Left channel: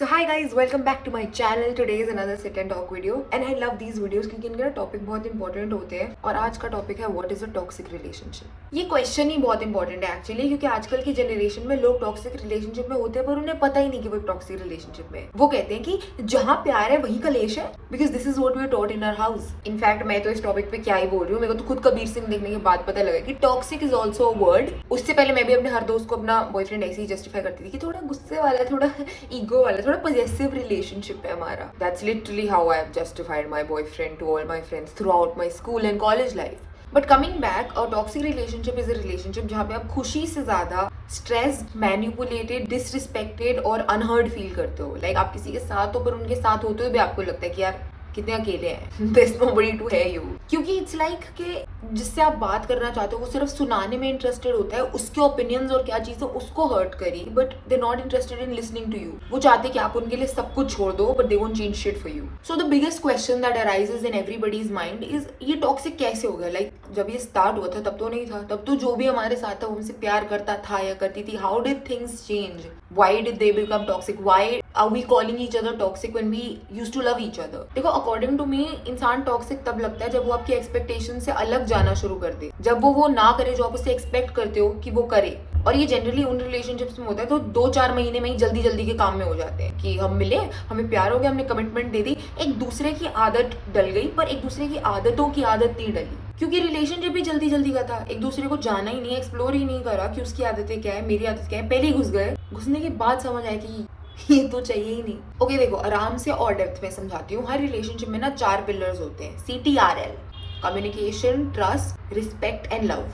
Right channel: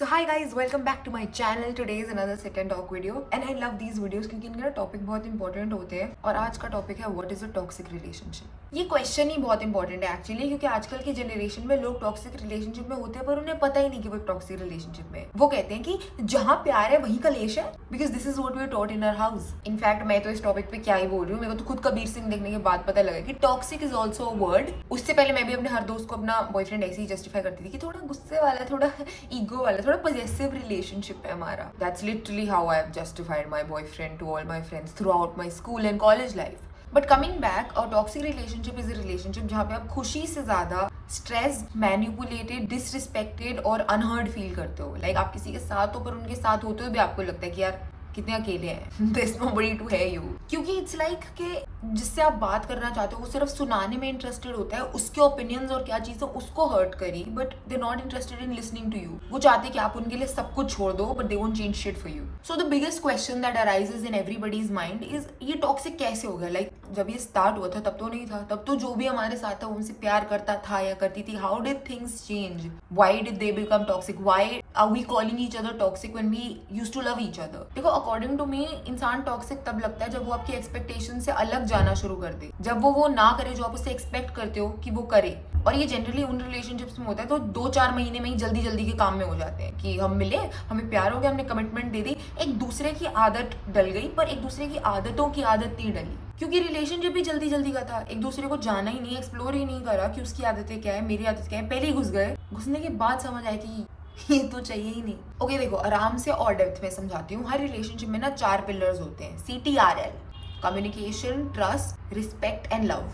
So hi guys, welcome back to my channel. Today is another sit and talk video and I love these videos क्योंकि इनके ना topic बहुत important होते हैं और आज का टॉपिक है what is a toxic relationship. ये क्वेश्चन ही बहुत इंपॉर्टेंट है एक्चुअली क्योंकि आजकल की जनरेशन में लोग टॉक्सिक रिलेशनशिप में होते हैं पर उन्हें पता ही नहीं कि वो टॉक्सिक रिलेशनशिप में। वो कहते हैं कि जहाँ प्यार है वहीं कलेश है because this is what we are taught in our house. In fact मैं तो इस टॉपिक पे क्या ही बोल रही हूँ, मेरे को तो खुद कबीर सिंह देखने के बाद पता लगा कि toxic is also a word. उससे पहले मैं भी अपने हर दोस्त को अपना बॉयफ्रेंड ऐसे ही जस्टिफाई करती थी कि थोड़ा गुस्से वाला, थोड़ा ईगो वाला, थोड़ा पॉजेसिव रिलेशनशिप है हमारा। That's literally how I have justified my boyfriend to all my friends throughout my school and college life. But coming back, a toxic relationship is a relationship जहाँ पे आप खुशी से ज्यादा स्ट्रेस्ड, मैनिपुलेटेड, डिसरिस्पेक्टेड और unheard feel करते हो। Like आप किसी के साथ हो पर उनके साथ होते हुए भी आपको लगता है कि यार कितने अकेले हैं, there is nobody to hear you. क्योंकि इट्स लाइक कि जिससे आप बात करना चाहते हो वो सिर्फ सुनाने में इंटरेस्टेड होता है, उसके ओपिनियंस और क्या चीजें उसको हर्ट करी, but they not interested in listening to you. वो चाहते कि आप उनके लिए सब कुछ छोड़ दो but they won't change shit for you. So the biggest question that arises in everybody's mind is ये टॉक्सिक कैसे हो गया। लाइक जब ये स्टार्ट हुआ था तब तो नहीं था, तब तो जो भी हमारे साथ था वो हमसे प्यार करता था या करती थी। How did things change? Why did they become toxic? Why are we calling each other toxic when we used to love each other? देखो, अकॉर्डिंग टू मी इंसान टॉक्सिक तब लगता है जब वो आपकी एक्सपेक्टेशन से अलग जाना शुरू कर दे, जब वो ना करे जो आप उससे एक्सपेक्ट करते हो कि वो करे। और ये जनरली उन रिलेशनशिप्स में होता है तो 2-4 महीने में ही जल्दी जल्दी के काम में हो जाते हैं कि हम मिले, हमें प्यार हो गया, हमने कमिटमेंट दे दी, एक दूसरे की आदत डल गई पर एक दूसरे की आदतों की आदत नहीं डली। क्योंकि रिलेशनशिप भी जल्दी जल्दी का था, एक दूसरे को जाना ही नहीं, एक्सप्लोर ही नहीं करा कि उसकी आदतें क्या है, मेरी आदत क्या है। पहले ही घुस गए, घुसने के बाद समझ आया कि ये तो चाहिए ही नहीं। ओके देखो, आराम से और डेप्थ में समझाती हूँ। हर रिलेशनशिप में ना 4 पिलर्स होते हैं, CTRL: communication, trust, respect and love.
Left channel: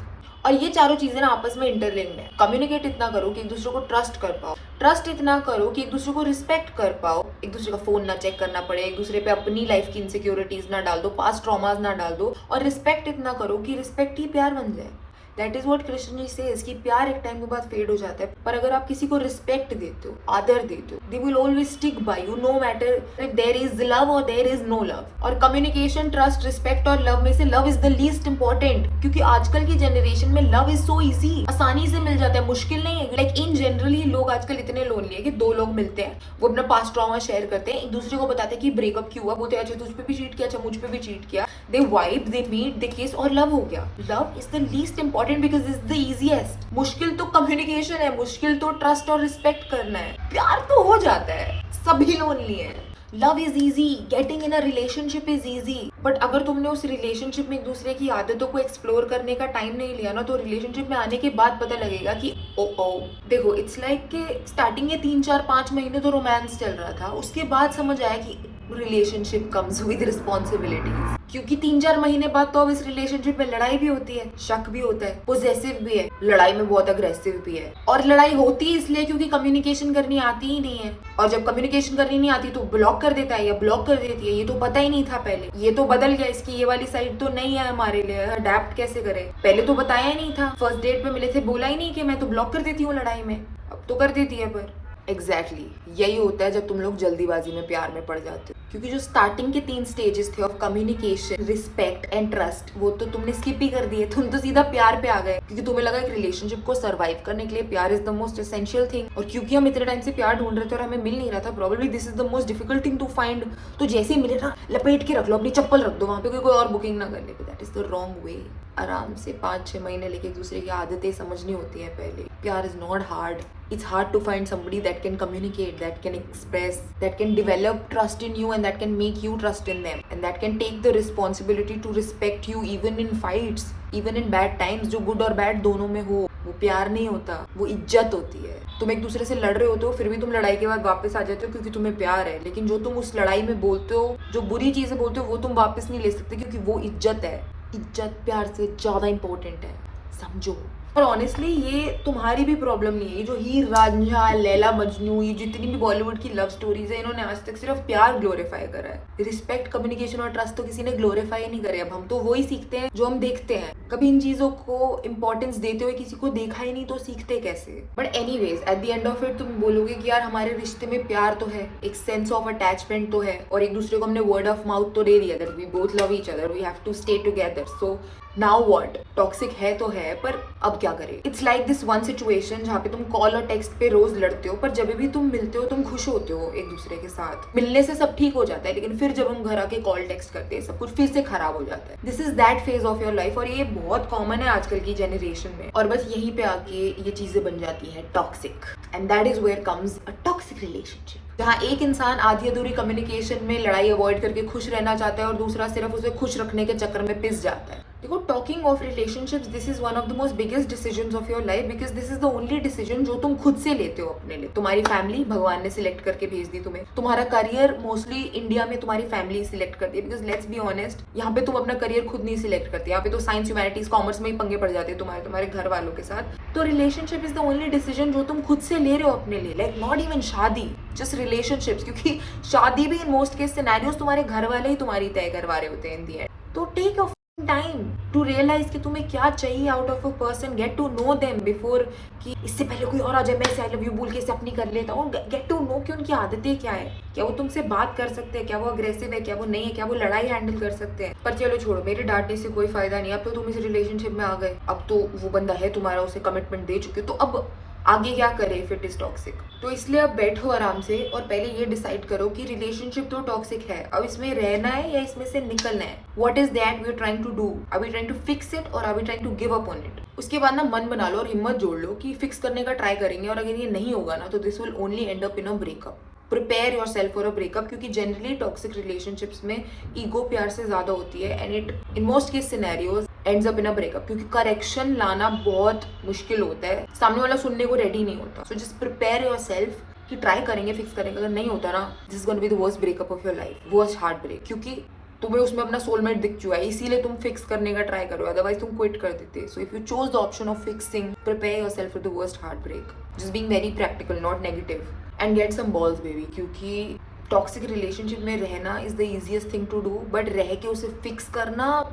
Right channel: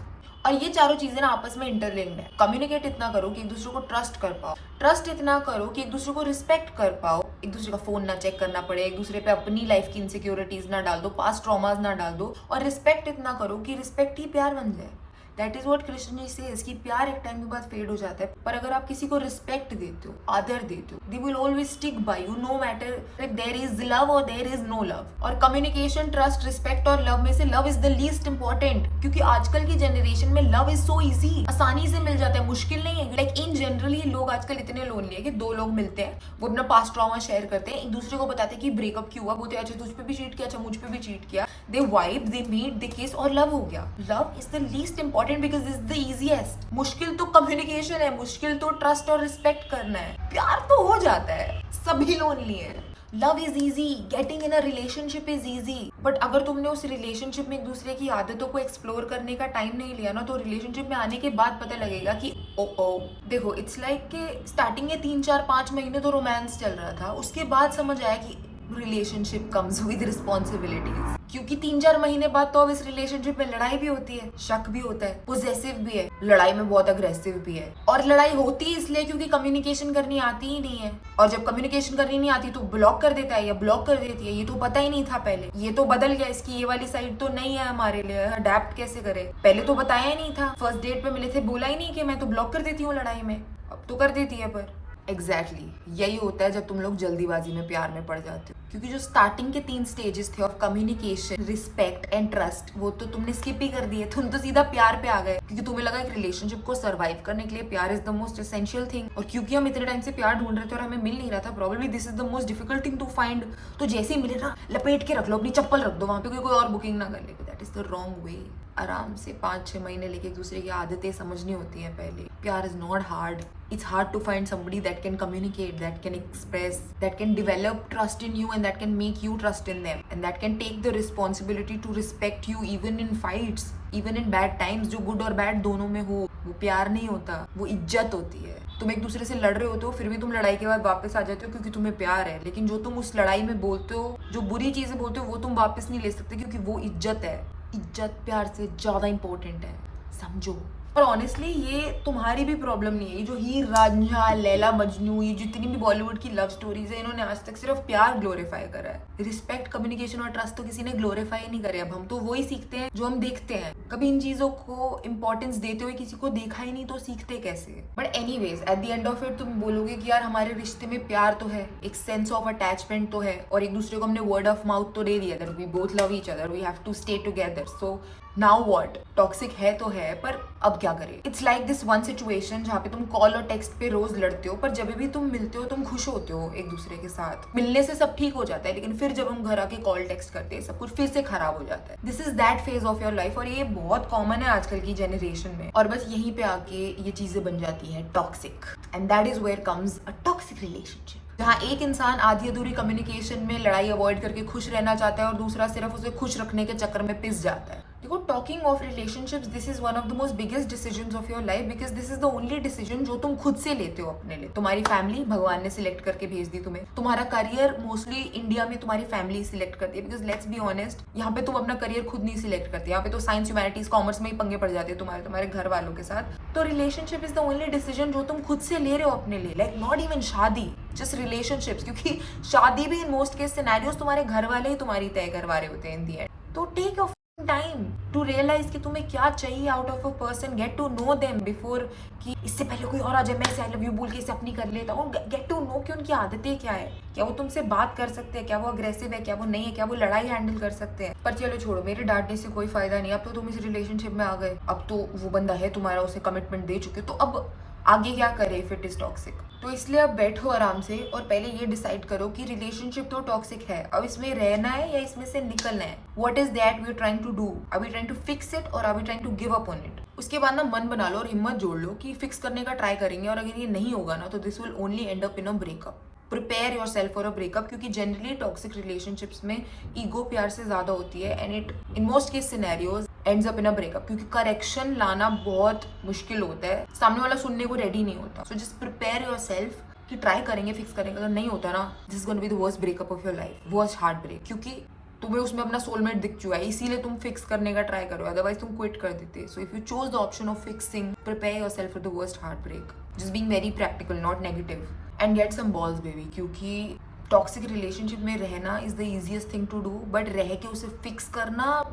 और ये चारों चीजें ना आपस में इंटरलिंक्ड है। कम्युनिकेट इतना करो कि एक दूसरे को ट्रस्ट कर पाओ, ट्रस्ट इतना करो कि एक दूसरे को रिस्पेक्ट कर पाओ, एक दूसरे का फोन ना चेक करना पड़े, एक दूसरे पे अपनी लाइफ की इनसिक्योरिटीज ना डाल दो, पास्ट ट्रॉमाज ना डाल दो। और रिस्पेक्ट इतना करो कि रिस्पेक्ट ही प्यार बन जाए। That is what Krishna ji says कि प्यार एक टाइम के बाद फेड हो जाता है, पर अगर आप किसी को रिस्पेक्ट देते हो, आदर देते हो, they will always stick by you, no matter if there is love और देयर इज नो लव। और कम्युनिकेशन, ट्रस्ट, रिस्पेक्ट और लव में से love is the least important, क्योंकि आजकल की जनरेशन में लव इज सो इजी, आसानी से मिल जाता है, मुश्किल नहीं है। लाइक इन जनरली लोग आजकल इतने लोनली है कि 2 लोग मिलते हैं, वो अपना पास्ट ट्रॉमा शेयर करते हैं, एक दूसरे को बताते हैं कि ब्रेकअप क्यों हुआ, बोलते हैं अच्छा तुझ पे भी चीट किया, अच्छा मुझ पे भी चीट किया, दे वाइब, दे मीट, दे किस और लव हो गया। Love is the least important because is the easiest. मुश्किल तो कम्युनिकेशन है, मुश्किल तो ट्रस्ट और रिस्पेक्ट करना है। प्यार तो हो जाता है, सभी लोनली है। Love is easy, getting in a relationship is easy, but अगर तुमने उस रिलेशनशिप में एक दूसरे की आदतों को एक्सप्लोर करने का टाइम नहीं लिया ना, तो रिलेशनशिप में आने के बाद पता लगेगा कि ओ देखो, इट्स लाइक कि स्टार्टिंग के 3-4-5 महीने तो रोमांस चल रहा था, उसके बाद समझ आया कि रिलेशनशिप कम्स विद रिस्पॉन्सिबिलिटीज। क्योंकि 3-4 महीने बाद तो अब इस रिलेशनशिप में लड़ाई भी होती है, शक भी होता है, पोजेसिव भी है, लड़ाई में बहुत अग्रेसिव भी है। और लड़ाई होती है इसलिए क्योंकि कम्युनिकेशन करनी आती ही नहीं है, और जब कम्युनिकेशन करनी नहीं आती तो ब्लॉक कर देता है या ब्लॉक कर देती है। ये तो पता ही नहीं था पहले, ये तो बदल गया, इसकी ये वाली साइड तो नहीं है हमारे लिए, अडेप्ट कैसे करें। पहले तो बताया ही नहीं था, फर्स्ट डेट पे मिले थे बोला ही नहीं कि मैं तो ब्लॉक कर देती हूँ लड़ाई में, अब तो कर देती है। पर यही होता है जब तुम लोग जल्दीबाजी में प्यार में पड़ जाते हो, क्योंकि जो स्टार्टिंग के 3 स्टेजेस थे of communication, respect and trust, वो तो तुमने स्किप ही कर दिए। तुम तो सीधा प्यार पे आ गए क्योंकि तुम्हें लगा एक रिलेशनशिप को सर्वाइव करने के लिए प्यार is the most essential thing. और क्योंकि हम इतने टाइम से प्यार ढूंढ रहे थे और हमें मिल नहीं रहा था, probably this is the most difficult thing to find. तो जैसे ही मिले ना, लपेट के रख लो, अपनी चप्पल रख दो वहां पे, कोई और बुकिंग ना कर ले। That is the wrong way. आराम से 5-6 महीने लेके एक दूसरे की आदतें समझनी होती है पहले। प्यार is not hard, it's hard to find somebody that can communicate, that can express, that can develop trust in you and that can make you trust in them, and that can take the responsibility to respect you even in fights, even in bad times, जो good और bad दोनों में हो। वो प्यार नहीं होता, वो इज्जत होती है। तुम एक दूसरे से लड़ रहे होते हो, फिर भी तुम लड़ाई के बाद वापस आ जाते हो क्योंकि तुम्हें प्यार है, लेकिन जो तुम उस लड़ाई में बोलते हो, जो बुरी चीजें बोलते हो, वो तुम वापस नहीं ले सकते क्योंकि वो इज्जत है। इज्जत प्यार से ज्यादा इंपॉर्टेंट है, समझो। और ऑनेस्टली ये तुम्हारी भी प्रॉब्लम नहीं है। ये जो हीर रांझा, लैला मजनू, ये जितनी भी बॉलीवुड की लव स्टोरीज है, इन्होंने आज तक सिर्फ प्यार ग्लोरीफाई करा है। रिस्पेक्ट, कम्युनिकेशन और ट्रस्ट तो किसी ने ग्लोरीफाई नहीं करे। अब हम तो वही सीखते हैं जो हम देखते हैं। कभी इन चीजों को इंपॉर्टेंस देते हुए किसी को देखा ही नहीं तो सीखते कैसे? But anyways, at the end of it तुम बोलोगे कि यार हमारे रिश्ते में प्यार तो है, एक सेंस ऑफ अटैचमेंट तो है, और एक दूसरे को हमने वर्ड ऑफ माउथ तो दे दिया that we both love each other, we have to stay together. So now what, toxic है तो है, पर अब क्या करें? It's like this one situation जहाँ पे तुम कॉल और टेक्स्ट पे रोज लड़ते हो, पर जब भी तुम मिलते हो तुम खुश होते हो एक दूसरे के साथ, मिलने से सब ठीक हो जाता है, लेकिन फिर जब हम घर आके कॉल टेक्स्ट करते हैं सब कुछ फिर से खराब हो जाता है। This is that phase of your life, और ये बहुत कॉमन है आजकल की जनरेशन में, और बस यहीं पे आके ये चीजें बन जाती है toxic, and that is where comes a toxic relationship, जहाँ एक इंसान आधी अधूरी कम्युनिकेशन में लड़ाई अवॉइड करके खुश रहना चाहता है और दूसरा सिर्फ उसे खुश रखने के चक्कर में पिस जाता है। देखो, talking of relationships, this is one of the most biggest decisions of your life, because this is the only decision जो तुम खुद से लेते हो अपने लिए। तुम्हारी फैमिली भगवान ने सिलेक्ट करके भेज दी तुम्हें, तुम्हारा करियर मोस्टली इंडिया में तुम्हारी फैमिली सिलेक्ट करती है, बिकॉज लेट्स बी ऑनेस्ट, यहाँ पे तुम अपना करियर खुद नहीं सिलेक्ट करते, यहाँ पे तो साइंस, ह्यूमैनिटीज, कॉमर्स में ही पंगे पड़ जाते हैं तुम्हारे घर वालों के साथ। तो relationship is the only decision जो तुम खुद से ले रहे हो अपने लिए, लाइक नॉट इवन शादी, जस्ट रिलेशनशिप्स, क्योंकि शादी भी इन मोस्ट केस सिनेरियोस तुम्हारे घर वाले ही तुम्हारी तय करवा रहे होते हैं इन दी एंड। तो take your time to realise कि तुम्हें क्या चाहिए out of a person, get to know them before कि इससे पहले कोई और आ जाए मैं इसे आई लव यू बोल के इसे अपनी कर लेता हूँ। गेट टू नो कि उनकी आदतें क्या है, क्या वो तुमसे बात कर सकते हैं, क्या वो अग्रेसिव है, क्या वो नहीं है, क्या वो लड़ाई हैंडल कर सकते हैं। पर चलो छोड़ो, मेरे डांटने से कोई फायदा नहीं, अब तो तुम इस रिलेशनशिप में आ गए, अब तो वो बंदा है तुम्हारा, उसे कमिटमेंट दे चुके, तो अब आगे क्या करे इफ इट इज टॉक्सिक। तो इसलिए अब बैठो आराम से और पहले ये डिसाइड करो कि रिलेशनशिप तो टॉक्सिक है, अब इसमें रहना है या इसमें से निकलना है। What is that we are trying to do, are we trying to fix it और are we trying to give up on it. उसके बाद ना मन बना लो और हिम्मत जोड़ लो कि फिक्स करने का ट्राई करेंगे, और अगर ये नहीं होगा ना तो this will only and up in a breakup. Prepare your self for a breakup, क्योंकि जनरली टॉक्सिक रिलेशनशिप्स में ईगो प्यार से ज्यादा होती है, and it in most case scenarios ends up in a breakup, क्योंकि करेक्शन लाना बहुत मुश्किल होता है, सामने वाला सुनने को रेडी नहीं होता। So just prepare yourself कि ट्राई करेंगे, फिक्स करेंगे, अगर नहीं होता ना this is going to be the worst breakup of your life, worst heartbreak, क्योंकि तुम्हें उसमें अपना सोलमेट दिख चुका है, इसीलिए तुम फिक्स करने का ट्राई करो, अदरवाइज तुम क्विट कर देते। So if you choose the option of fixing, prepare yourself for the worst heartbreak, just being very practical, not negative, and get some balls baby, क्योंकि टॉक्सिक रिलेशनशिप में रहना is the easiest thing to do, but रह के उसे fix करना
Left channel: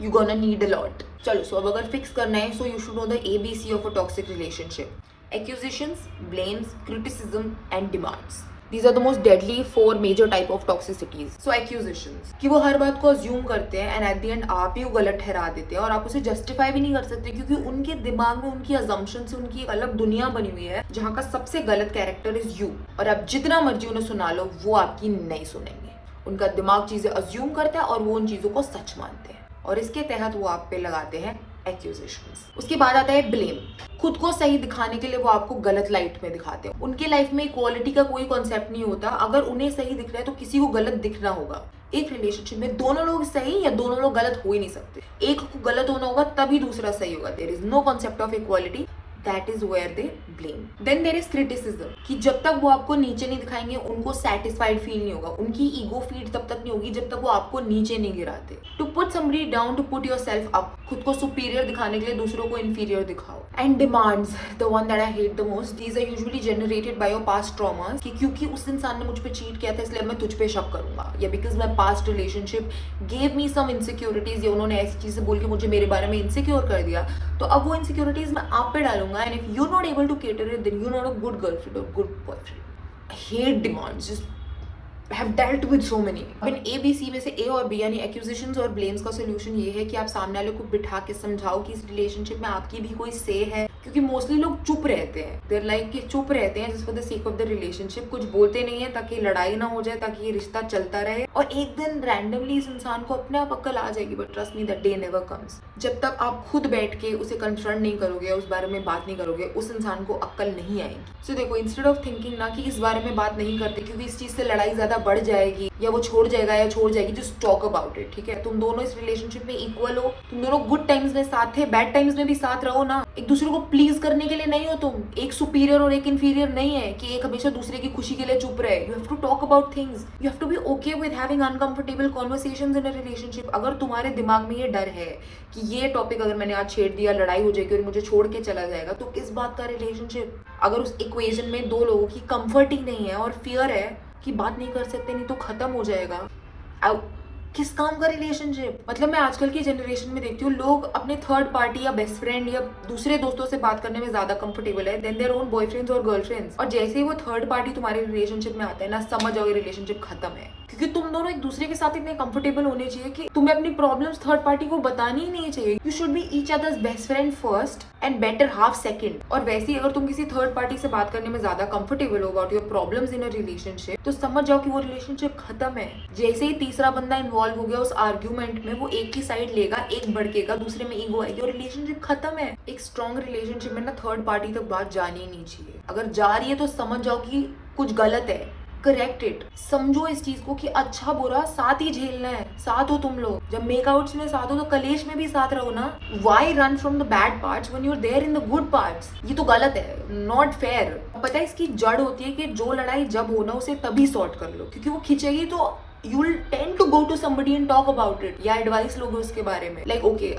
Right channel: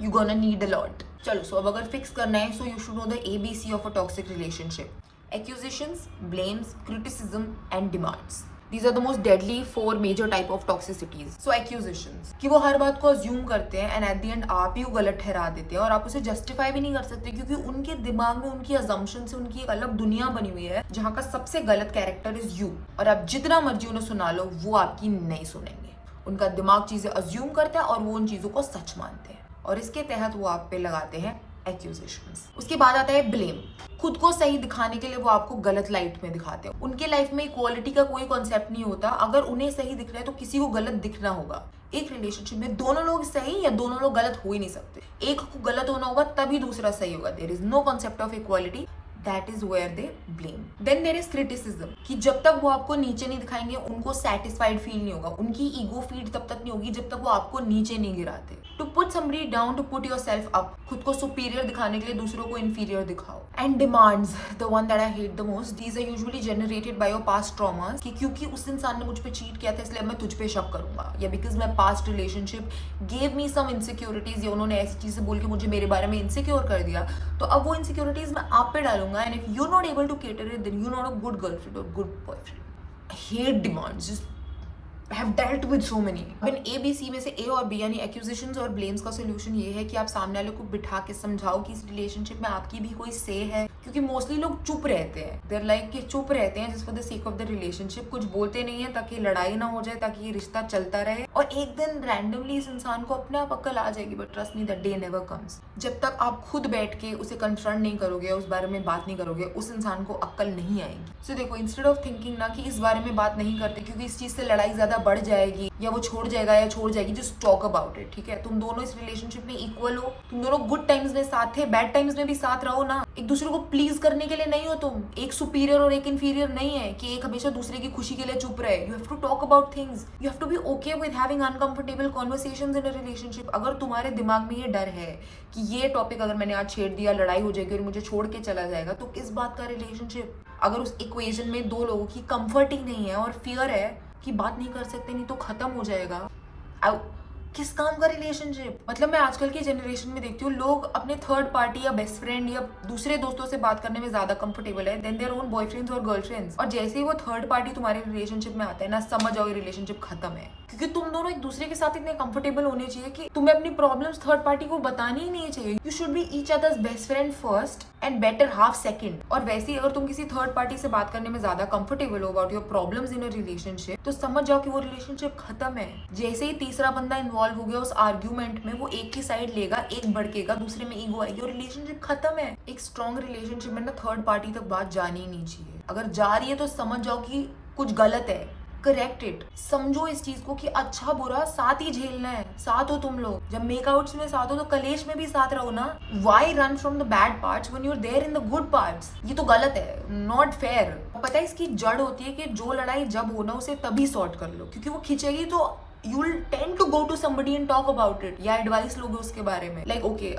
you gonna need a lot. चलो, so अब अगर फिक्स करना है, so you should know the ABC of a toxic relationship: accusations, blames, criticism and demands. These are the most deadly 4 major type of toxicities. So accusations, कि वो हर बात को assume करते हैं एंड एट द एंड आप ही गलत ठहरा देते हैं, और आप उसे जस्टिफाई भी नहीं कर सकते, क्योंकि उनके दिमाग में उनकी अजम्पशन से उनकी एक अलग दुनिया बनी हुई है, जहाँ का सबसे गलत कैरेक्टर इज यू, और आप जितना मर्जी उन्हें सुना लो वो आपकी नहीं सुनेंगे। उनका दिमाग चीजें अज्यूम करता है और वो उन चीजों को सच मानते हैं, और इसके तहत वो आप पे लगाते हैं एक्यूजेशंस। उसके बाद आता है ब्लेम। खुद को सही दिखाने के लिए वो आपको गलत लाइट में दिखाते हैं। उनके लाइफ में इक्वालिटी का कोई कॉन्सेप्ट नहीं होता, अगर उन्हें सही दिख रहा है तो किसी को गलत दिखना होगा। एक रिलेशनशिप में दोनों लोग सही या दोनों लोग गलत हो ही नहीं सकते, एक को गलत होना होगा तभी दूसरा सही होगा। There is no concept of equality, that is where they blame. Then there is criticism, कि जब तक वो आपको नीचे नहीं दिखाएंगे उनको सेटिस्फाइड फील नहीं होगा, उनकी ईगो फीड तब तक नहीं होगी जब तक वो आपको नीचे नहीं गिराते। To put somebody down, to put yourself up, खुद को सुपीरियर दिखाने के लिए दूसरों को इंफीरियर दिखाओ। And demands, the one that I hate the most, these are usually generated by your past traumas, कि क्योंकि उस इंसान ने मुझ पे चीट किया था इसलिए मैं तुझ पे शक करूंगा, या because my past relationship gave me some insecurities, या उन्होंने ऐसी चीजें बोल के मुझे मेरे बारे में इनसिक्योर कर दिया, तो अब वो इनसिक्योरिटीज मैं आप पे डालूंगा, and if you not able to cater it then you not a good girlfriend और good boyfriend. I hate demands, just have dealt with so many. इन ABC में से A और B यानी एक्यूजेशंस और ब्लेम्स का सोल्यूशन ये है कि आप सामने वाले को बिठा के समझाओ कि इस रिलेशनशिप में आपकी भी कोई से है, क्योंकि मोस्टली लोग चुप रहते हैं, देयर लाइक कि चुप रहते हैं just for the sake of the relationship, कुछ बोलते नहीं है ताकि लड़ाई ना हो जाए, ताकि ये रिश्ता चलता रहे, और एक दिन रैंडमली इस इंसान को अपने आप अक्ल आ जाएगी, but trust me that day never comes. जब तक आप खुद बैठ के उसे कन्फ्रंट नहीं करोगे, उस बारे में बात नहीं करोगे, उस इंसान को अक्ल नहीं आएगी। सो देखो, इंस्टेड ऑफ थिंकिंग ना कि इस बारे में बात नहीं करते क्योंकि इस चीज से लड़ाई ज्यादा बढ़ जाएगी या वो छोड़ जाएगा या छोड़ जाएगी, जस्ट टॉक अबाउट इट, ठीक है? तुम दोनों इस रिलेशनशिप में इक्वल हो, तुम दोनों गुड टाइम्स में साथ थे, बैड टाइम्स में भी साथ रहो ना। एक दूसरे को प्लीज करने के लिए नहीं हो तुम, एक सुपीरियर और एक इंफीरियर नहीं है कि एक हमेशा दूसरे की खुशी के लिए चुप रहे। You have to talk about things, you have to be okay with having uncomfortable conversations in a relationship. अगर तुम्हारे दिमाग में ये डर है कि ये टॉपिक अगर मैंने आज छेड़ दिया लड़ाई हो जाएगी और मुझे छोड़ के चला जाएगा, तो किस बात का रिलेशनशिप? अगर उस इक्वेशन में दो लोगों की कंफर्ट ही नहीं है और फियर है कि बात नहीं कर सकते नहीं तो खत्म हो जाएगा, किस काम का रिलेशनशिप? मतलब मैं आजकल की जनरेशन में देखती हूँ लोग अपने थर्ड पार्टी या बेस्ट फ्रेंड या दूसरे दोस्तों से बात करने में ज्यादा कंफर्टेबल है देन देयर ओन बॉयफ्रेंड्स और गर्लफ्रेंड्स। और जैसे ही वो थर्ड पार्टी तुम्हारे रिलेशनशिप में आता है ना, समझ जाओ ये रिलेशनशिप खत्म है। क्योंकि तुम दोनों एक दूसरे के साथ इतने कंफर्टेबल होने चाहिए कि तुम्हें अपनी प्रॉब्लम्स थर्ड पार्टी को बतानी ही नहीं चाहिए। You should be each others best friend first and better half second. और वैसे ही अगर तुम किसी थर्ड पार्टी से बात करने में ज्यादा कंफर्टेबल हो about your problems in a relationship, तो समझ जाओ कि वो रिलेशनशिप खत्म है। जैसे ही तीसरा बंदा इन्वॉल्व हो गया उस आर्ग्यूमेंट में, वो एक ही साइड लेगा, एक भड़केगा, दूसरे में ईगो आएगी और रिलेशनशिप खत्म है। एक स्ट्रॉन्ग रिलेशनशिप में ना थर्ड पार्टी तक बात जानी ही नहीं चाहिए। अगर जा रही है तो समझ जाओ कि कुछ गलत है, करेक्ट इट। समझो इस चीज को कि अच्छा बुरा साथ ही झेलना है। साथ हो तुम लोग, जब मेकआउट्स में साथ हो तो कलेश में भी साथ रहो ना। Why run from the bad parts when you are there in the good parts? ये तो गलत है, नॉट फेयर। पता है इसकी जड़ होती है कि जो लड़ाई जब होना उसे तभी सॉर्ट कर लो, क्योंकि वो खिंचेगी तो you will tend to go to somebody and talk about it, या एडवाइस लोगे उसके बारे में। Like okay,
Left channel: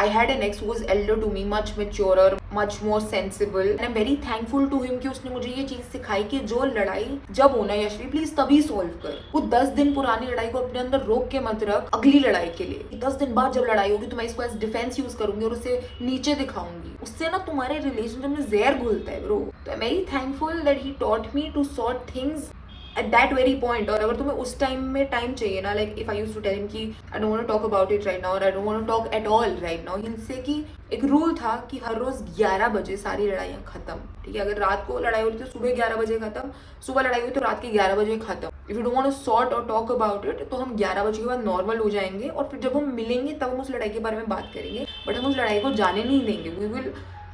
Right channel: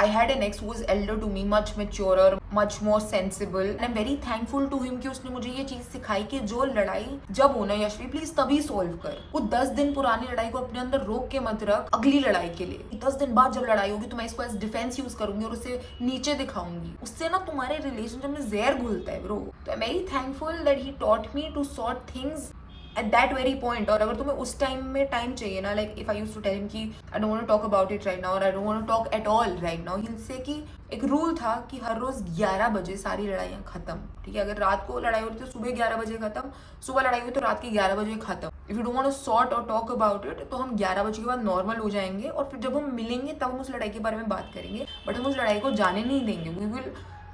I had an ex who was elder to me, much maturer, much more sensible, and I'm very thankful to him कि उसने मुझे ये चीज सिखाई कि जो लड़ाई जब होना है यशवी प्लीज तभी सॉल्व कर। वो 10 दिन पुरानी लड़ाई को अपने अंदर रोक के मत रख अगली लड़ाई के लिए। 10 दिन बाद जब लड़ाई होगी तो मैं इसको एज डिफेंस यूज करूंगी और उसे नीचे दिखाऊंगी। उससे ना तुम्हारे रिलेशनशिप में जहर घुलता है ब्रो। तो I am very thankful that he taught me to sort things at that very point. और अगर तुम्हें उस टाइम में टाइम चाहिए ना, like if I used to tell him कि I don't want to talk about it right now और I don't want to talk at all right now, हिंसे कि एक रूल था कि हर रोज 11 बजे सारी लड़ाइयाँ खत्म। ठीक है, अगर रात को लड़ाई होती तो सुबह 11 बजे खत्म, सुबह लड़ाई हुई तो रात के 11 बजे खत्म। If you don't want to sort और टॉक अबाउट इट तो हम 11 बजे के बाद नॉर्मल हो जाएंगे और फिर जब हम मिलेंगे तब हम उस लड़ाई के बारे में बात करेंगे, बट हम उस लड़ाई को जाने नहीं देंगे। We will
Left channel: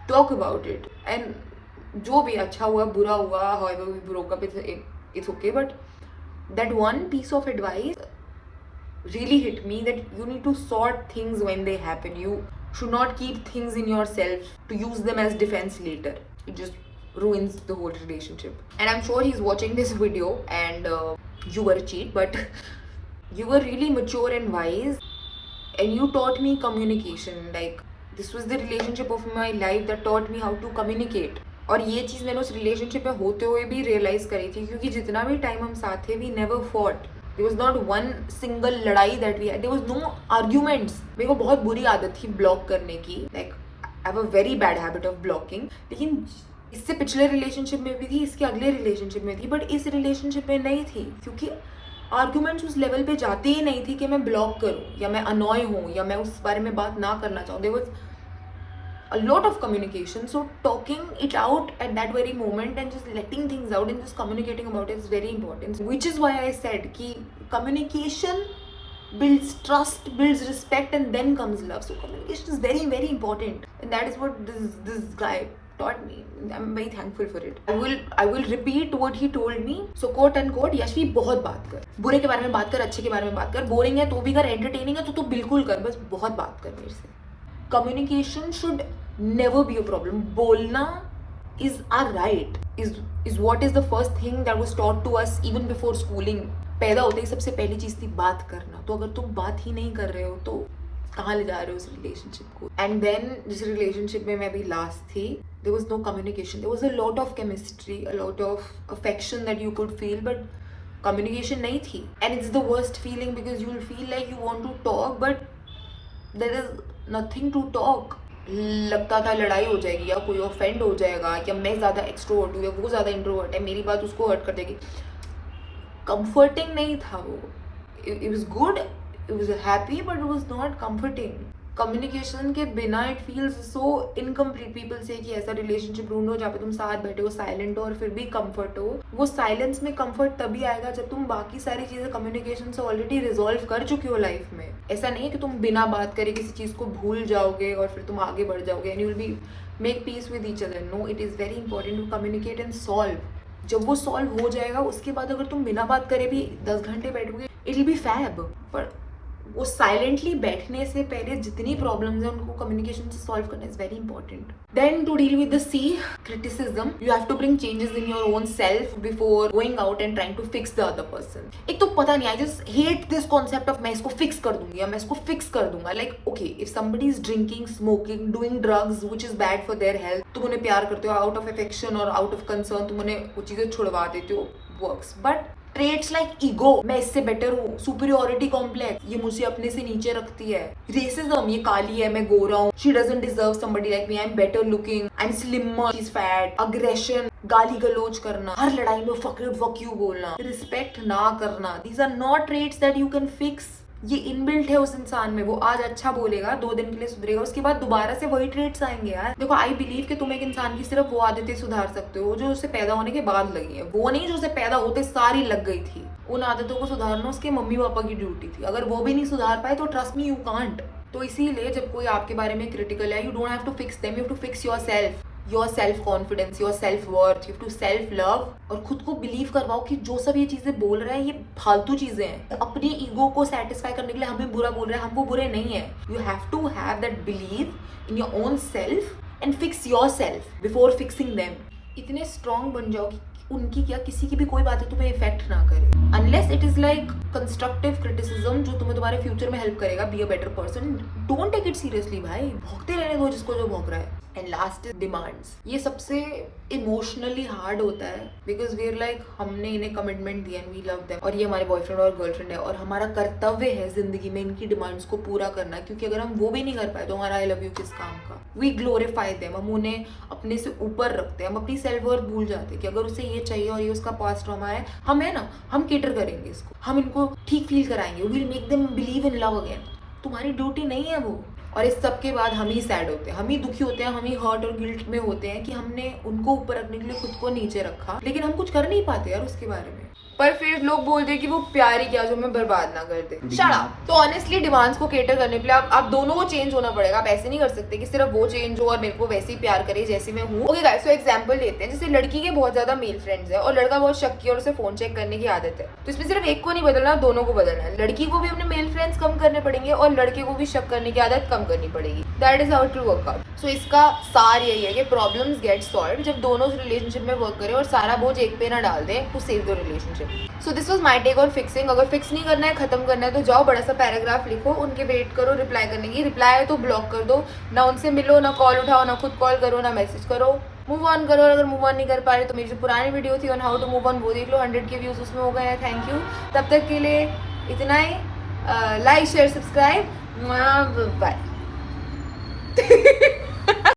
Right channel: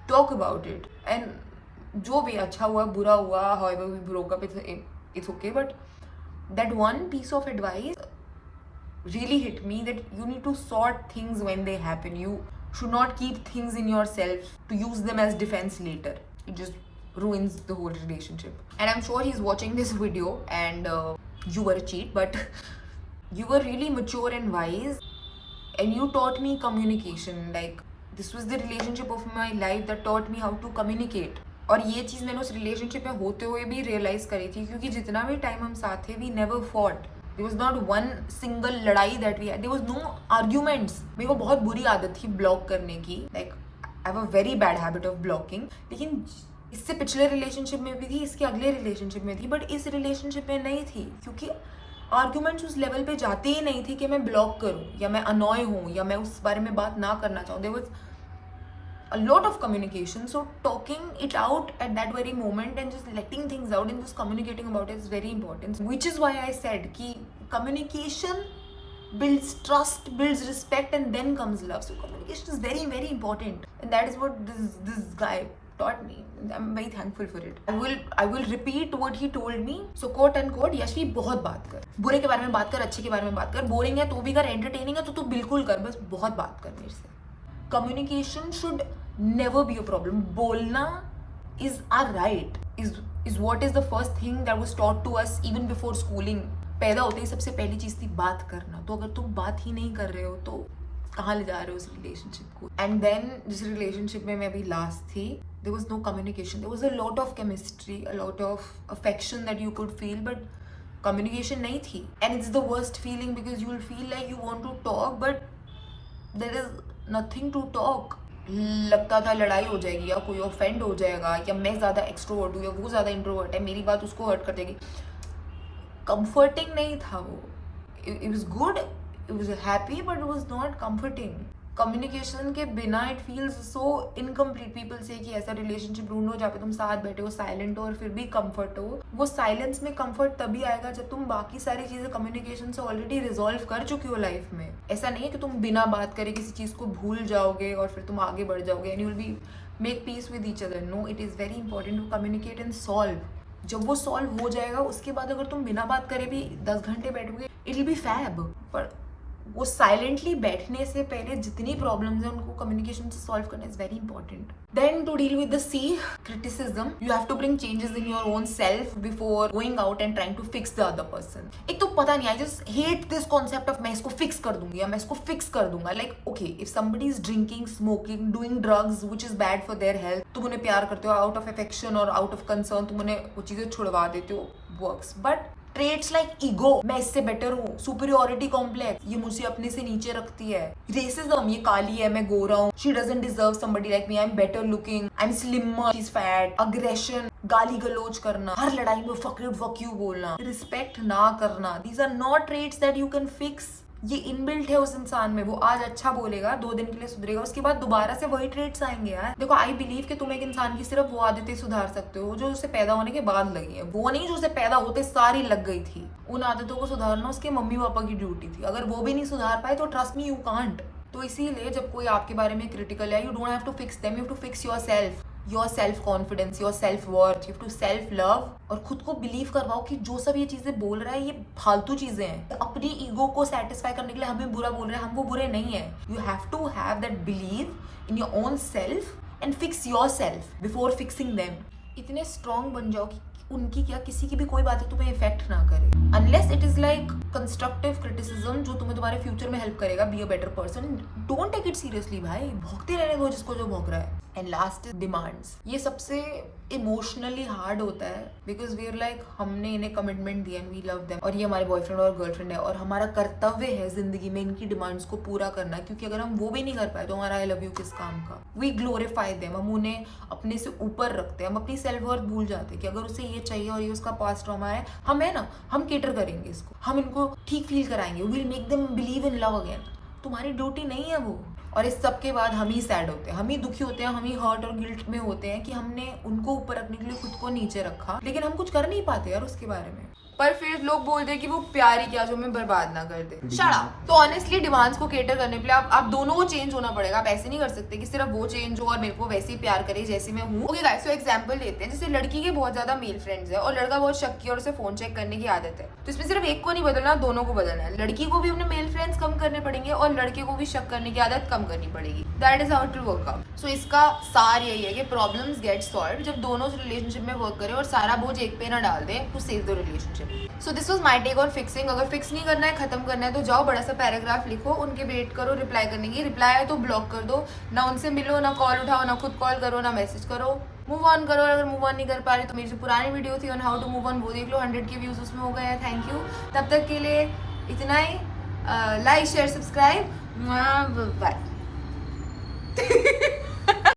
talk about it and जो भी अच्छा हुआ बुरा हुआ, however we broke up, it's okay. But that one piece of advice really hit me, that you need to sort things when they happen. You should not keep things in yourself to use them as defense later. It just ruins the whole relationship. And I'm sure he's watching this video and you were a cheat, but you were really mature and wise and you taught me communication. Like this was the relationship of my life that taught me how to communicate. और ये चीज़ मैंने उस relationship में होते हुए भी realise करी थी, क्योंकि जितना भी टाइम हम साथ थे we never fought. There was not one single लड़ाई that we had, there was no arguments. मेरे को बहुत बुरी आदत थी ब्लॉक करने की, like I have a very bad habit of blocking. लेकिन इससे पिछले रिलेशनशिप में भी थी, इसके अगले रिलेशनशिप में थी, बट इस रिलेशनशिप में नहीं थी, क्योंकि आर्ग्यूमेंट्स उस लेवल पे जाते ही नहीं थी कि मैं ब्लॉक करूँ या मैं अनॉय हूँ या मैं उस बारे में बात ना करना चाहूँ। There was a lot of communication, so talking it out at that very moment and just letting things out and just communicating about it is very important, which is why I said ki communication builds trust, builds respect, and then comes love. So communication is very very important, and that is what this guy taught me. I'm very thankful for it. I will repeat what he told me. So quote unquote, Yashvi बहुत बात कर, बुरे के बारे में बात कर, अच्छे के बारे में बात कर, बोरिंग है तो भी कर, एंटरटेनिंग है तो तू बिल्कुल कर, बस बहुत बात कर मेरे से। Communication should never be a problem. बोलना is our right, is what is the first thing that was taught to us even before schooling. पैदा होते ही सबसे पहली चीज थी बात करना। तो अगर तुम बात ही नहीं कर रहे हो तो कहाँ ले जा रहे हो उस रिलेशनशिप को? एंड देन जिस रिलेशनशिप में मैं अभी लास्ट थी, there was no communication. There was a lot of chemistry, a lot of affection that you could feel, but communication नहीं थी. And it's the worst feeling because you will feel like you want to talk, but there is nothing to talk. लगता था लड़ाई हो जाएगी या कोई offend हो जाएगा या मैं ज़्यादा एक्सट्रोवर्ट हूँ या वो ज़्यादा इंट्रोवर्ट है, मेरी बात उसको हर्ट कर देगी। कंफर्टिंग नहीं था वो। It was good, it was happy, but it was not comforting. Communication के बिना it feels so incomplete. People से कि ऐसा रिलेशनशिप ढूंढो जहाँ पे तुम साथ बैठे हो, साइलेंट हो और फिर भी कंफर्ट हो। वो साइलेंस में कंफर्ट तभी आएगा जब तुम बाकी सारी चीजें कम्युनिकेशन से ऑलरेडी रिजॉल्व कर चुकी हो लाइफ में। ऐसा नहीं है कि तुम बिना बात करे किसी चीज को भूल जाओगे और फिर तुम आगे बढ़ जाओगे and you will be make peace with each other. No, it is very important to communicate and solve. जब वो सॉल्व हो जाएगा उसके बाद अगर तुम बिना बात करे भी 10 घंटे बैठोगे, इट विल बी फैब। पर वो साइलेंटली बैठने से पहले जितनी प्रॉब्लम्स हैं उनको कम्युनिकेशन से सॉल्व करना is very important. Then to deal with the C criticism, you have to bring changes in your own self before going out and trying to fix the other person. एक तो पता नहीं, I just hate this concept of मैं इसको fix कर दूंगी या मैं इसको फिक्स कर दूंगा। Like okay, if somebody is drinking, smoking, doing drugs which is bad for their health, तुम उन्हें प्यार करते हो आउट ऑफ अफेक्शन और आउट ऑफ कंसर्न, तुम उन्हें वो चीजें छुड़वा देते हो, works. But traits like ego, मैं इससे बेटर हूँ, सुपीरियोरिटी कॉम्प्लेक्स, ये मुझे अपने से नीचे रखती है, रेसिज्म, ये काली है मैं गोरा हूँ, she doesn't deserve somebody like me, I am better looking, I am slimmer, she is fat, aggression, गाली गलोच करना, हर लड़ाई में फक यू बोलना, रिस्पेक्ट ना करना, these are not traits that you can fix. ये इनबिल्ट है उस इंसान में। वो आज अच्छा बोलेगा, 2 दिन के लिए सुधरेगा, उसके बाद दोबारा से वही ट्रेट्स आएंगे यार। देखो, आई बिलीव कि तुम एक इंसान की सिर्फ वो आदतें सुधार सकते हो जो उसे पैदा होने के बाद लगी है, वो नहीं जो उसे पैदा होते सारी लग गई थी। उन आदतों को सुधारना उसके मम्मी पापा की ड्यूटी थी। अगर वो भी नहीं सुधार पाए तो ट्रस्ट मी, यू कांट। तो इसीलिए जब कोई आपके बारे में क्रिटिकल है, you don't have to fix them, you have to fix yourself, your self confidence, your self worth, you have to self love. और खुद को बिलीव करवाओ कि जो सब ये चीजें बोल रहा है ये फालतू चीजें हैं। अपनी ईगो को सेटिस्फाई करने के लिए हमें बुरा बोल रहे हैं, हम वो बुरे नहीं है। You have to have that believe in your own self and fix yourself before fixing them. इतने स्ट्रॉन्ग बन जाओ कि उनकी क्या किसी की भी कोई बातें तुम्हें इफेक्ट ना करे, unless it is like constructive criticism जो तुम्हें तुम्हारे फ्यूचर में हेल्प करेगा, be a better person. Don't take it seriously भाई, भौंकते रहने दो जिसको जो भौंक रहा है। And last is demands. ये सबसे इमोशनली हार्ड होता है बिकॉज वी आर लाइक, हमने इन्हें कमिटमेंट दिया एंड वी लव देम, और ये हमारे बॉयफ्रेंड और गर्लफ्रेंड है, और हमारा कर्तव्य है जिंदगी में इनकी डिमांड्स को पूरा करना, क्योंकि अगर हम वो भी नहीं कर पाए तो हमारा आई लव यू किस काम का। वी ग्लोरीफाई देम, हम उन्हें अपने से ऊपर रखते हैं, हम अपनी सेल्फ वर्थ भूल जाते हैं कि अगर उसे ये चाहिए और ये उसका पास्ट ट्रॉमा है, हम है ना, हम केटर करेंगे इसको, हम इनको ठीक फील कराएंगे, we will make them believe in love again. तुम्हारी ड्यूटी नहीं है वो। और इस सब के बाद हम ही सैड होते हैं, हम ही दुखी होते हैं, हम ही हर्ट और गिल्ट में होते हैं कि हमने उनको ऊपर रखने के लिए खुद को नीचे रखा, लेकिन हम कुछ कर नहीं पाते यार उसके बारे में। पर फिर लोग बोलते हैं कि वो प्यार ही क्या जो हमें बर्बाद ना कर दे। Shut up. तो ऑनेस्टली डिमांड्स को केटर करने के लिए आप दोनों को चेंज होना पड़ेगा। आप ऐसे नहीं कर सकते कि सिर्फ वो चेंज हो और मेरे को वैसे ही प्यार करे जैसे मैं हूँ। ओके गाइस, सो एग्जांपल लेते हैं, जैसे लड़की के बहुत ज्यादा मेल फ्रेंड्स है और लड़का बहुत शक्की और उसे फोन चेक करने की आदत है, तो इसमें सिर्फ एक को नहीं बदलना, दोनों को बदलना है। लड़की को भी अपने मेल फ्रेंड्स कम करने पड़ेंगे और लड़के को भी शक करने की आदत कम करनी पड़ेगी। That is how it will work out. So इसका सार यही है कि प्रॉब्लम्स गेट सॉल्व जब दोनों रिलेशनशिप में वर्क करें और सारा बोझ एक पे ना डाल दें to save the relationship. So this was my take on fixing. अगर फिक्स नहीं करना है, खत्म करना है, तो जाओ बड़ा सा पैराग्राफ लिखो, उनके वेट करो रिप्लाई करने की, रिप्लाई आए तो ब्लॉक कर दो, ना उनसे मिलो, ना कॉल उठाओ, ना खुद कॉल करो, ना मैसेज करो, मूव ऑन करो। अगर मूव ऑन नहीं कर पा रहे तो मेरी जो पुरानी वीडियो थी on how to move on वो देख लो, 100 के व्यूज उसमें हो गए हैं। Thank you. तब तक के लिए इतना ही। Like share subscribe, bye.